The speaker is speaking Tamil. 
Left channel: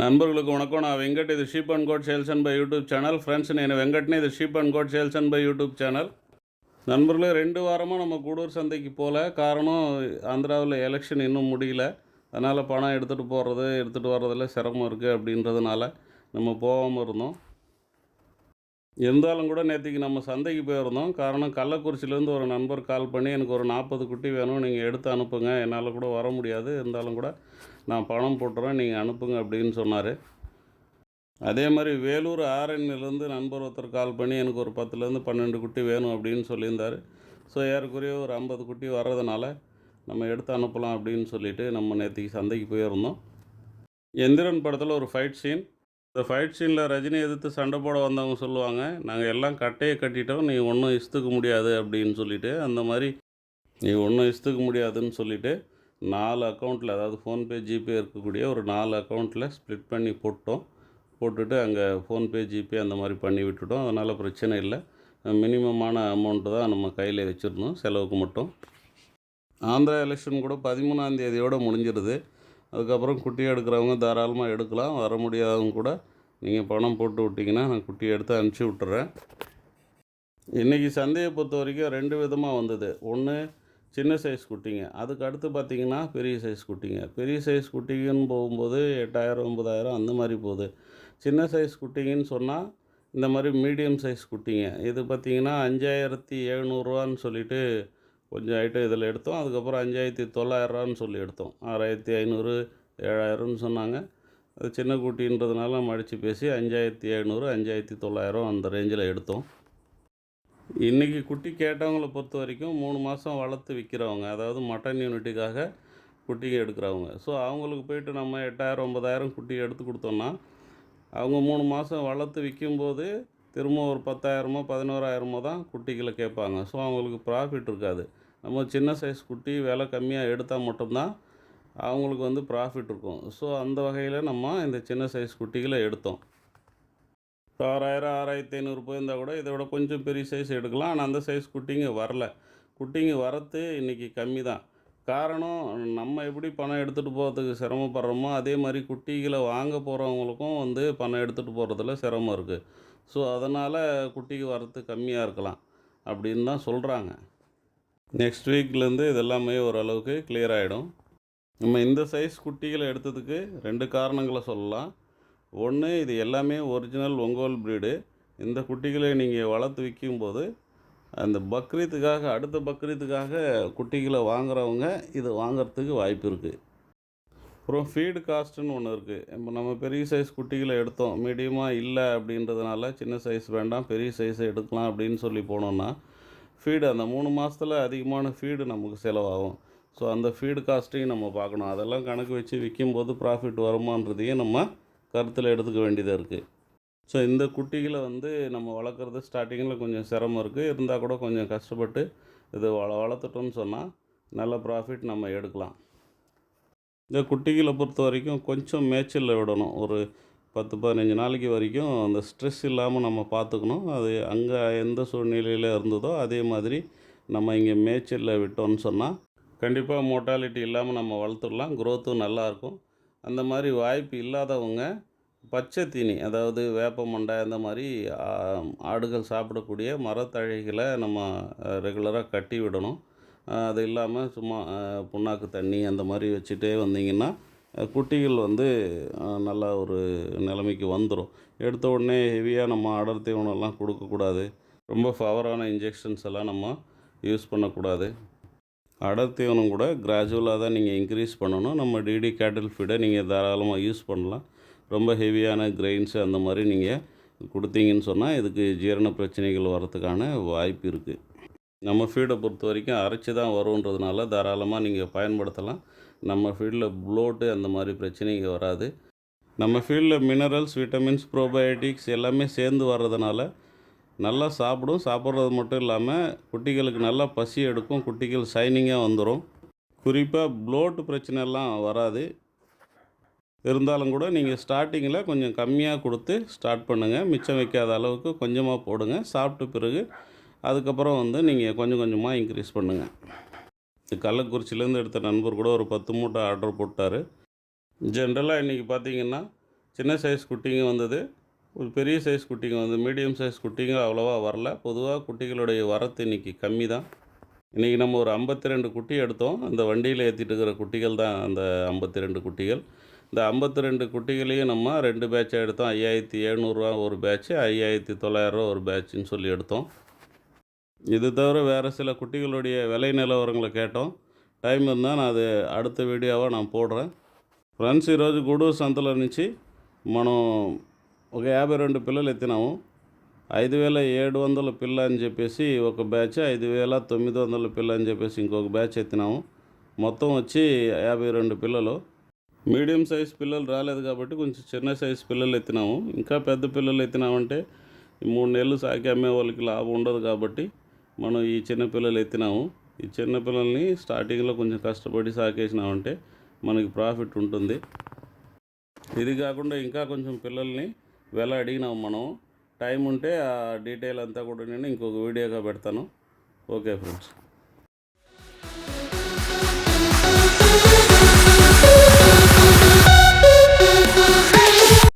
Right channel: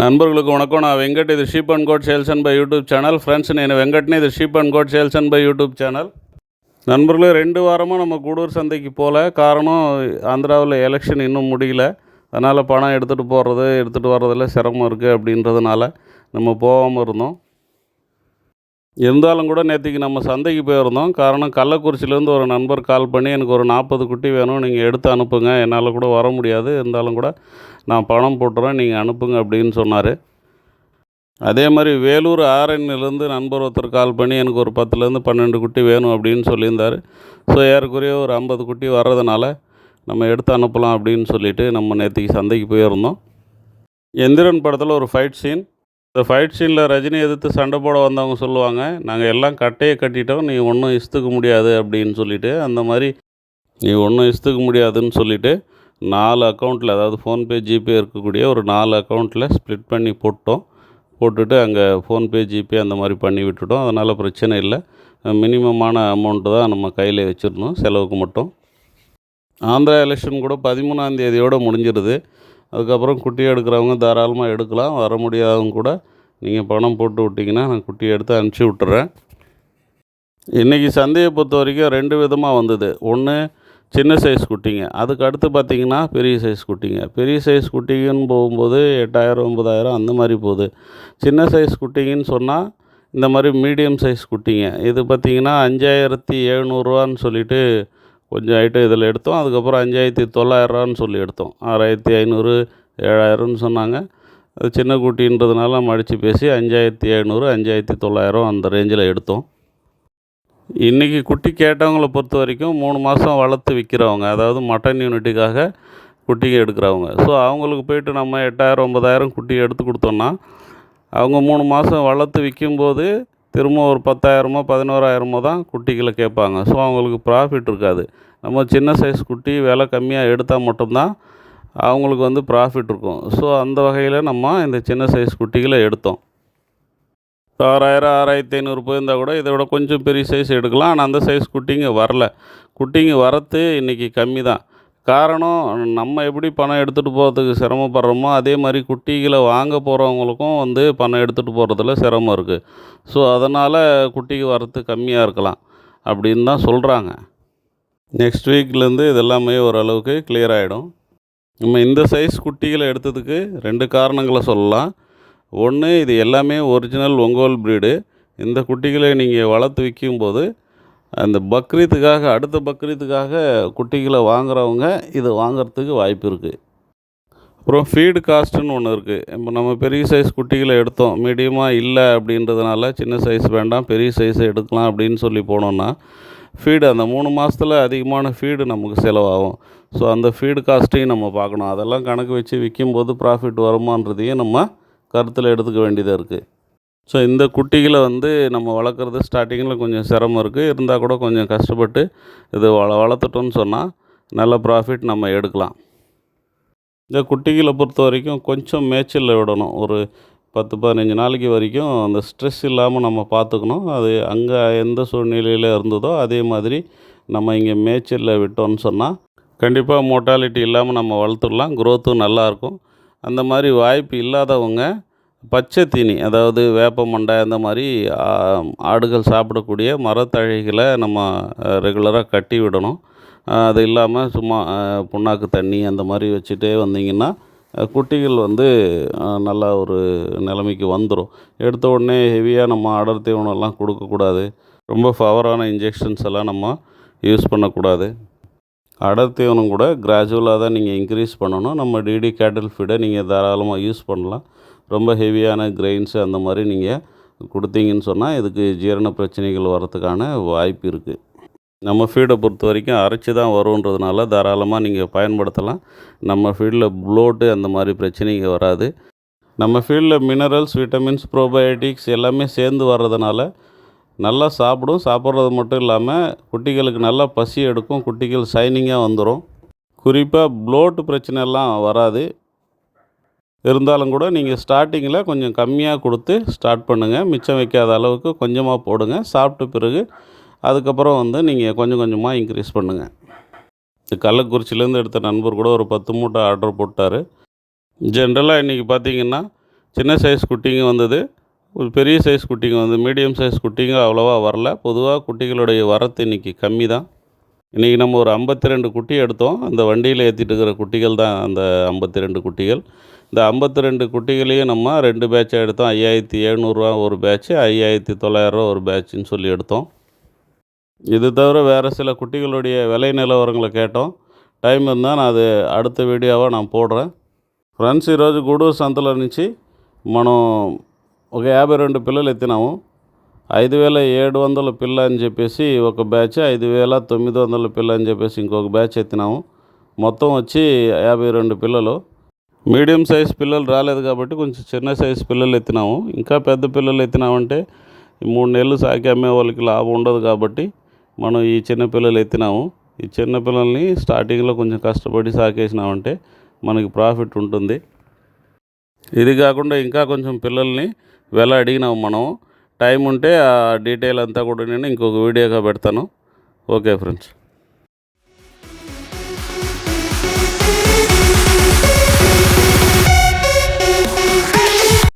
నన్బర్లకు వణకం నా వెంకట్ ఇది sheep and goat sales and buy YouTube channel friends నేను வெங்கட்னு இது sheep and goat sales and buy YouTube channel. நண்பர்களே 2 வாரமாக நம்ம கூடூர் சந்தைக்கு போகல. காரணம் ஆந்திராவில் எலெக்ஷன் இன்னும் முடியல. அதனால் பணம் எடுத்துகிட்டு வர்றதில் சிரமம் இருக்குது அப்படின்றதுனால நம்ம போகாமல் இருந்தோம். இருந்தாலும் கூட நேற்றுக்கு நம்ம சந்தைக்கு போயிருந்தோம். காரணம் கள்ளக்குறிச்சியிலேருந்து ஒரு நண்பர் கால் பண்ணி எனக்கு ஒரு 40 குட்டி வேணும், நீங்கள் எடுத்து அனுப்புங்க, என்னால் கூட வர முடியாது, இருந்தாலும் கூட நான் பணம் போட்டுறேன், நீங்கள் அனுப்புங்க அப்படின்னு சொன்னார். அதே மாதிரி வேலூர் ஆரணிலேருந்து நண்பர் ஒருத்தர் கால் பண்ணி எனக்கு ஒரு 10லேருந்து 12 குட்டி வேணும் அப்படின்னு சொல்லியிருந்தார். ஸோ ஏறக்குறைய ஒரு 50 குட்டி வர்றதுனால நம்ம எடுத்து அனுப்பலாம் அப்படின்னு சொல்லிவிட்டு நம்ம நேற்றுக்கு சந்தைக்கு போயிருந்தோம். எந்திரன் படத்தில் ஒரு ஃபைட் சீன். இந்த ஃபைட் சீனில் ரஜினி எதிர்த்து சண்டை போட வந்தவங்க சொல்லுவாங்க, நாங்கள் எல்லாம் கட்டையை கட்டிட்டோம், நீ ஒன்றும் இஸ்துக்க முடியாது அப்படின்னு சொல்லிவிட்டு, அந்த மாதிரி நீ ஒன்றும் இஸ்துக்க முடியாதுன்னு சொல்லிவிட்டு 4 அக்கௌண்ட்டில், அதாவது ஃபோன்பே ஜிபே இருக்கக்கூடிய ஒரு 4 அக்கௌண்ட்டில் ஸ்ப்ளிட் பண்ணி போட்டுட்டு அங்கே ஃபோன்பே ஜிபே அந்த மாதிரி பண்ணி விட்டுட்டோம். அதனால் பிரச்சனை இல்லை. மினிமமான அமௌண்ட்டு தான் நம்ம கையில் வச்சுருந்தோம் செலவுக்கு மட்டும். ஆந்திரா எலெக்ஷன் கூட 13ஆம் தேதியோடு முடிஞ்சிடுது. அதுக்கப்புறம் குட்டி எடுக்கிறவங்க தாராளமாக எடுக்கலாம். வர முடியாதவங்க கூட நீங்கள் பணம் போட்டு விட்டிங்கன்னா நான் குட்டியை எடுத்து அனுப்பிச்சி விட்டுறேன். இன்றைக்கி சந்தையை பொறுத்த வரைக்கும் 2 விதமாக வந்தது. ஒன்று சின்ன சைஸ் குட்டிங்க, அதுக்கு அடுத்து பார்த்திங்கன்னா பெரிய சைஸ் குட்டிங்க. பெரிய சைஸ் குட்டிங்கன்னு போகும்போது 8000 9000 அந்த மாதிரி போகுது. சின்ன சைஸ் குட்டிங்கன்னு சொன்னால் இந்த மாதிரி மீடியம் சைஸ் குட்டிங்க. இது பார்த்திங்கன்னா 5700 சொல்லிவிட்டு கொஞ்சம் ஐட்டம் இதில் எடுத்தோம். அதுக்கப்புறம் 5900 சொல்லி எடுத்தோம். 6500 7000 சொன்னாங்க. அது சின்ன குட்டின்றதுனால நம்ம அடித்து பேசி 5700 5900 அந்த ரேஞ்சில் எடுத்தோம். இன்றைக்கி குட்டி கேட்டவங்கள பொறுத்த வரைக்கும் 3 மாதம் வளர்த்து விற்கிறவங்க, அதாவது மட்டன் யூனிட்டுக்காக குட்டிங்க எடுக்கிறவங்க. ஸோ அவங்களுக்கு போய்ட்டு நம்ம 8000 9000 குட்டி எடுத்து கொடுத்தோன்னா அவங்க 3 மாதம் வளர்த்து விற்கும்போது திரும்ப ஒரு 10,000 11,000 தான் குட்டிகளை கேட்பாங்க. ஸோ அவங்களுக்கு ப்ராஃபிட் இருக்காது. நம்ம சின்ன சைஸ் குட்டி விலை கம்மியாக எடுத்தால் மட்டும்தான் அவங்களுக்கு ப்ராஃபிட் இருக்கும். ஸோ அந்த வகையில் நம்ம இந்த சின்ன சைஸ் குட்டிகளை எடுத்தோம். 6000 6500 போயிருந்தால் கூட இதை விட கொஞ்சம் பெரிய சைஸ் எடுக்கலாம். ஆனால் அந்த சைஸ் குட்டிங்க வரல. குட்டிங்க வரத்து இன்றைக்கி கம்மி தான். காரணம், நம்ம எப்படி பணம் எடுத்துகிட்டு போகிறதுக்கு சிரமப்படுறோமோ அதே மாதிரி குட்டிகளை வாங்க போகிறவங்களுக்கும் பணம் எடுத்துகிட்டு போகிறதுல சிரமம் இருக்குது. ஸோ அதனால் குட்டிக்கு வரத்து கம்மியாக இருக்கலாம் அப்படின்னு தான் சொல்கிறாங்க. நெக்ஸ்ட் வீக்லேருந்து இதெல்லாமே ஓரளவுக்கு கிளியர் ஆகிடும். நம்ம இந்த சைஸ் குட்டிகளை எடுத்ததுக்கு 2 காரணங்களை சொல்லலாம். ஒன்று, இது எல்லாமே ஒரிஜினல் ஒங்கோல் ப்ரீடு. இந்த குட்டிகளை நீங்கள் வளர்த்து விற்கும்போது அந்த பக்ரீத்துக்காக, அடுத்த பக்ரீத்துக்காக குட்டிகளை வாங்குகிறவங்க இதை வாங்கிறதுக்கு வாய்ப்பு இருக்குது. அப்புறம் ஃபீடு காஸ்ட்டுன்னு ஒன்று இருக்குது. இப்போ நம்ம பெரிய சைஸ் குட்டிகளை எடுத்தோம், மீடியமாக இல்லை அப்படின்றதுனால சின்ன சைஸ் வேண்டாம் பெரிய சைஸை எடுக்கலாம் அப்படின்னு சொல்லி போனோன்னா ஃபீடு அந்த 3 மாதத்தில் அதிகமான ஃபீடு நமக்கு செலவாகும். ஸோ அந்த ஃபீடு காஸ்ட்டையும் நம்ம பார்க்கணும். அதெல்லாம் கணக்கு வச்சு விற்கும்போது ப்ராஃபிட் வருமானதையும் நம்ம கருத்தில் எடுத்துக்க வேண்டியதாக இருக்குது. ஸோ இந்த குட்டிகளை நம்ம வளர்க்குறது ஸ்டார்டிங்கில் கொஞ்சம் சிரமம் இருக்குது. இருந்தால் கூட கொஞ்சம் கஷ்டப்பட்டு இது வளர்த்துட்டோன்னு சொன்னால் நல்ல ப்ராஃபிட் நம்ம எடுக்கலாம். இந்த குட்டிகளை பொறுத்த வரைக்கும் கொஞ்சம் மேய்ச்சலில் விடணும். ஒரு 10-15 நாளைக்கு வரைக்கும் அந்த ஸ்ட்ரெஸ் இல்லாமல் நம்ம பார்த்துக்கணும். அது அங்கே எந்த சூழ்நிலையில் இருந்ததோ அதே மாதிரி நம்ம இங்கே மேய்ச்சலில் விட்டோம்னு சொன்னால் கண்டிப்பாக மோர்ட்டாலிட்டி இல்லாமல் நம்ம வளர்த்துடலாம். க்ரோத்தும் நல்லாயிருக்கும். அந்த மாதிரி வாய்ப்பு இல்லாதவங்க பச்சை தீனி, அதாவது வேப்ப மண்டை அந்த மாதிரி ஆடுகள் சாப்பிடக்கூடிய மரத்தழைகளை நம்ம ரெகுலராக கட்டி விடணும். அது இல்லாமல் சும்மா புண்ணாக்கு தண்ணி அந்த மாதிரி வச்சுட்டே வந்தீங்கன்னா குட்டிகள் நல்லா ஒரு நிலைமைக்கு வந்துடும். எடுத்த உடனே ஹெவியாக நம்ம அடர் தீவனம்லாம் கொடுக்கக்கூடாது. ரொம்ப பவரான இன்ஜெக்ஷன்ஸ் எல்லாம் நம்ம யூஸ் பண்ணக்கூடாது. அடர் தீவனம் கூட கிராஜுவலாக தான் நீங்கள் இன்க்ரீஸ் பண்ணணும். நம்ம டிடி கேட்டில் ஃபீடை நீங்கள் தாராளமாக யூஸ் பண்ணலாம். ரொம்ப ஹெவியான கிரெயின்ஸு அந்த மாதிரி நீங்கள் கொடுத்தீங்கன்னு சொன்னால் இதுக்கு ஜீரண பிரச்சனைகள் வரத்துக்கான வாய்ப்பு இருக்குது. நம்ம ஃபீடை பொறுத்த வரைக்கும் அரைச்சி தான் வருன்றதுனால தாராளமாக நீங்கள் பயன்படுத்தலாம். நம்ம ஃபீல்டில் ப்ளோட்டு அந்த மாதிரி பிரச்சனைங்க வராது. நம்ம ஃபீல்டில் மினரல்ஸ், விட்டமின்ஸ், ப்ரோபயோட்டிக்ஸ் எல்லாமே சேர்ந்து வர்றதுனால நல்லா சாப்பிடும். சாப்பிட்றது மட்டும் இல்லாமல் குட்டிகளுக்கு நல்லா பசி எடுக்கும். குட்டிகள் ஷைனிங்காக வந்துடும். குறிப்பாக ப்ளோட்டு பிரச்சனைலாம் வராது. இருந்தாலும் கூட நீங்கள் ஸ்டார்டிங்கில் கொஞ்சம் கம்மியாக கொடுத்து ஸ்டார்ட் பண்ணுங்கள். மிச்சம் வைக்காத அளவுக்கு கொஞ்சமாக போடுங்க. சாப்பிட்ட பிறகு அதுக்கப்புறம் நீங்கள் கொஞ்சம் கொஞ்சமாக இன்க்ரீஸ் பண்ணுங்கள். கள்ளக்குறிச்சியிலேருந்து எடுத்த நண்பர் கூட ஒரு 10 மூட்டை ஆர்டர் போட்டார். ஜென்ரலாக இன்றைக்கி பார்த்திங்கன்னா சின்ன சைஸ் குட்டிங்க வந்தது, ஒரு பெரிய சைஸ் குட்டிங்க வந்து மீடியம் சைஸ் குட்டிங்க அவ்வளோவா வரல. பொதுவாக குட்டிகளுடைய வரத்து இன்றைக்கி கம்மி தான். இன்றைக்கி நம்ம ஒரு 52 குட்டி எடுத்தோம். அந்த வண்டியில் ஏற்றிட்டு இருக்கிற குட்டிகள் தான் அந்த 52 குட்டிகள். இந்த 52 குட்டிகளையும் நம்ம 2 பேட்சாக எடுத்தோம். 5700 ஒரு பேட்ச்சு, 5900 ஒரு பேட்சுன்னு சொல்லி எடுத்தோம். இது தவிர வேறு சில குட்டிகளுடைய விலை நிலவரங்களை கேட்டோம். టైం ఉందా నాది அடுத்த వీడియోవా நான் పోడ్றேன். ఫ్రెండ్స్ ఈరోజు గూడూరు సంతలో నుంచి మనం ఒక 52 పిల్లలు ఎత్తినాము. 5700 పిల్ల అని చెప్పేసి ఒక బ్యాచ్, 5900 పిల్ల అని చెప్పేసి ఇంకొక బ్యాచ్ ఎత్తినాము. మొత్తం వచ్చి 52 పిల్లలు. మీడియం సైజ్ పిల్లలు రాలేదు కాబట్టి కొంచెం చిన్న సైజ్ పిల్లలు ఎత్తినాము. ఇంకా పెద్ద పిల్లలు ఎత్తినామంటే 3 నెలలు సాకి అమ్మే వాళ్ళకి లాభం ఉండదు కాబట్టి మనం ఈ చిన్న పిల్లలు ఎత్తినాము. ఈ చిన్న పిల్లల్ని స్టార్టింగ్లో కొంచెం కష్టపడి సాకేసినామంటే మనకి ప్రాఫిట్ ఉంటుంది. ఇది కాకుండా ఇంకా కొంచెం పిల్లల్ని వెల అడిగినాము మనం. టైం ఉంటే ఆ డీటెయిల్ అంతా కూడా నేను ఇంకొక వీడియోగా పెడతాను. Okay friends.